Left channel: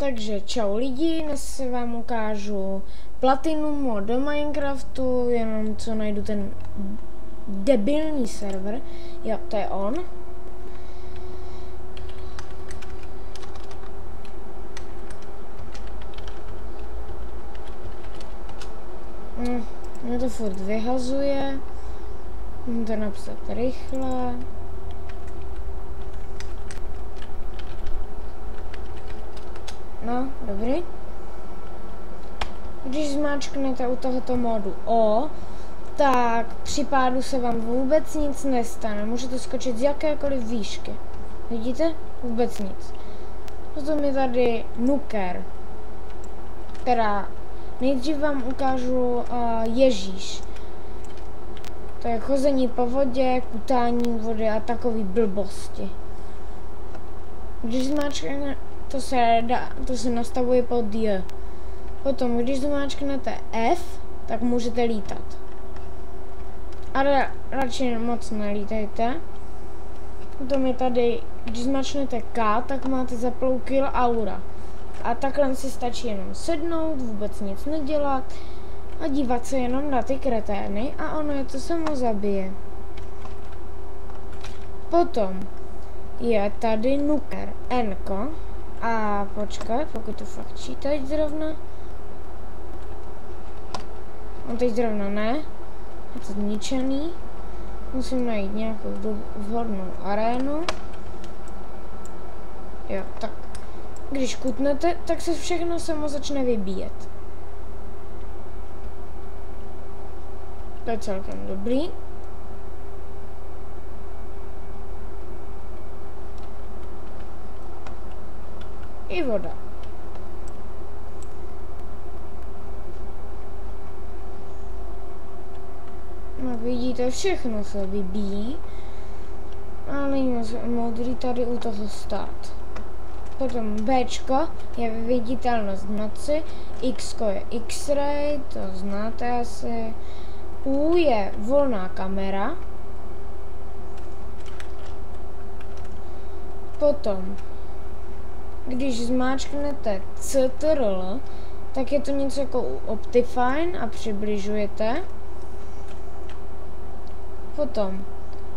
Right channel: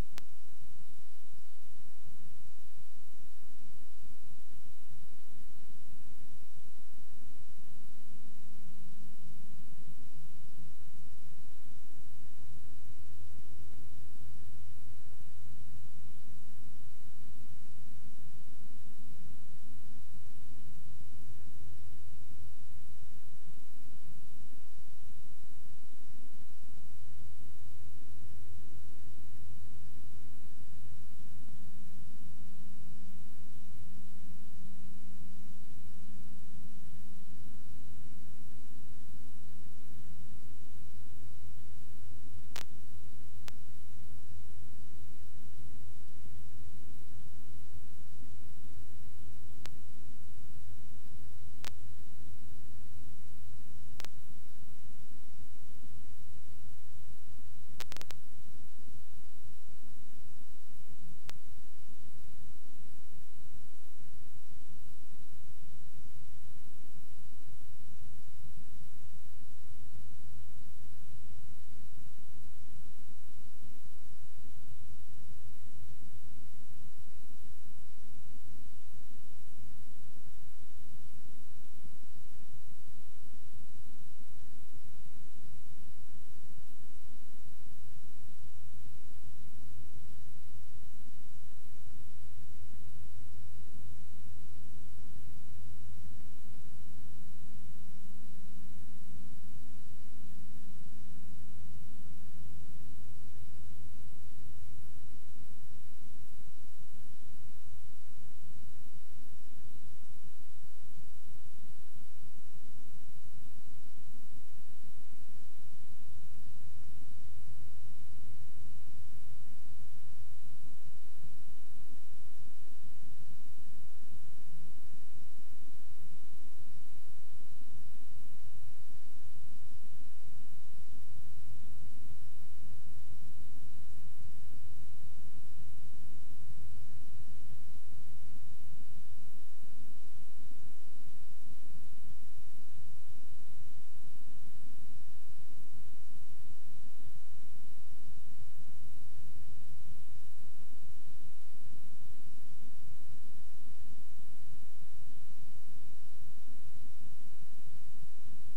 Takže čau lidi, dnes se vám ukážu Platinum mod do Minecraftu, jenom co najdu ten debilní server. Jo, to je on. Mě to furt vyhazuje. Můžu to napsat rychle. No, dobrý. Když zmáčknete u tohoto modu O, tak při pádu se vám vůbec nic nestane. Můžete skočit z jakékoliv výšky. Vidíte? Vůbec nic. Potom je tady Nuker. Teda nejdřív vám ukážu Ježíš. To je chození po vodě, kutání vody a takový blbosti. Když zmáčknete, to se nastavuje pod J. Potom, když zmáčknete F, tak můžete lítat. Ale radši moc nelítejte. Potom je tady, když zmáčknete K, tak máte zaplou kill aura. A takhle si stačí jenom sednout, vůbec nic nedělat a dívat se jenom na ty kretény a ono je to samo zabije. Potom je tady Nuker N-ko. A počkat, pokud to fakt teď zrovna. On teď zrovna ne. Je to zničený. Musím najít nějakou vhodnou arénu. Jo, tak. Když kutnete, tak se všechno samo začne vybíjet. To je celkem dobrý. I voda. No vidíte, všechno se vybíjí. A není modrý tady u toho stát. Potom Bčko je viditelnost v noci, Xko je X-ray, to znáte asi. U je volná kamera. Potom když zmáčknete CTRL, tak je to něco jako u Optifine a přibližujete. Potom,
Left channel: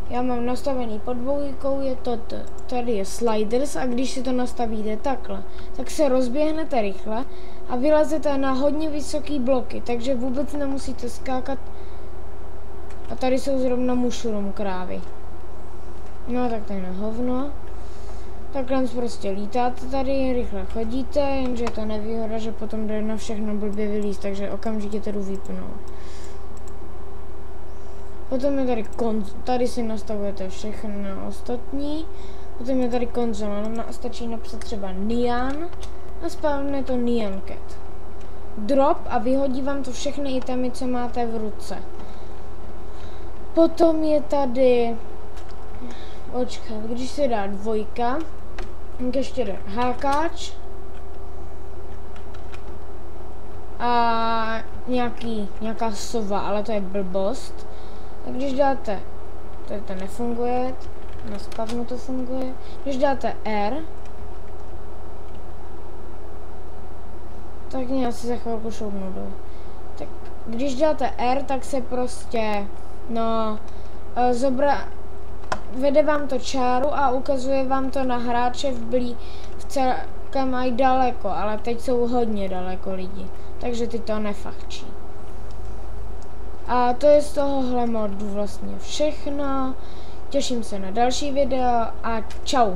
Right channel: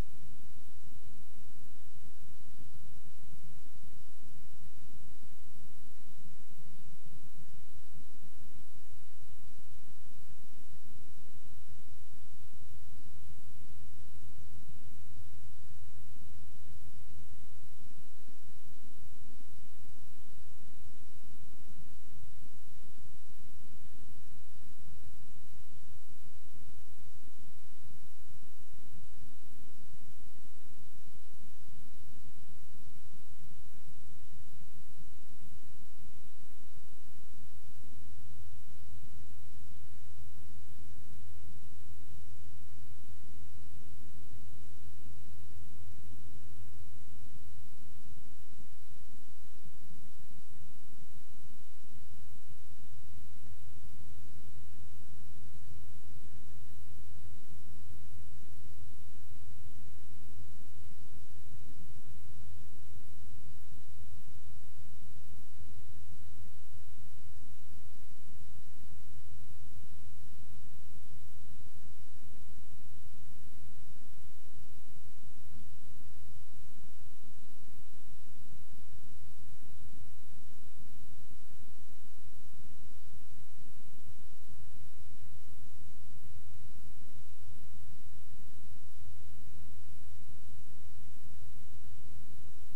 já mám nastavený pod dvojkou, je toto. Tady je sliders a když si to nastavíte takhle, tak se rozběhnete rychle a vylezete na hodně vysoký bloky, takže vůbec nemusíte skákat. A tady jsou zrovna mushroom krávy. No tak to je na hovno. Takhle prostě lítáte tady, rychle chodíte, jenže je to nevýhoda, že potom jde na všechno blbě vylízt, takže okamžitě to jdu vypnout. Potom je tady tady si nastavujete všechno ostatní. Potom je tady konzola, stačí napsat třeba Nyan a spavne to Nyan Cat. Drop a vyhodí vám to všechny itemy, co máte v ruce. Potom je tady, počkat, když se dá dvojka, ještě jde hákáč a nějaká sova, ale to je blbost. A když dáte, to nefunguje, na spavnu to funguje, když dáte R, tak mě asi za chvilku šoupnu dolů. Tak když dáte R, tak se prostě, no, vede vám to čáru a ukazuje vám to na hráče v celkem mají daleko, ale teď jsou hodně daleko lidi, takže ty to nefachčí. A to je z tohohle modu vlastně všechno. Těším se na další video a čau.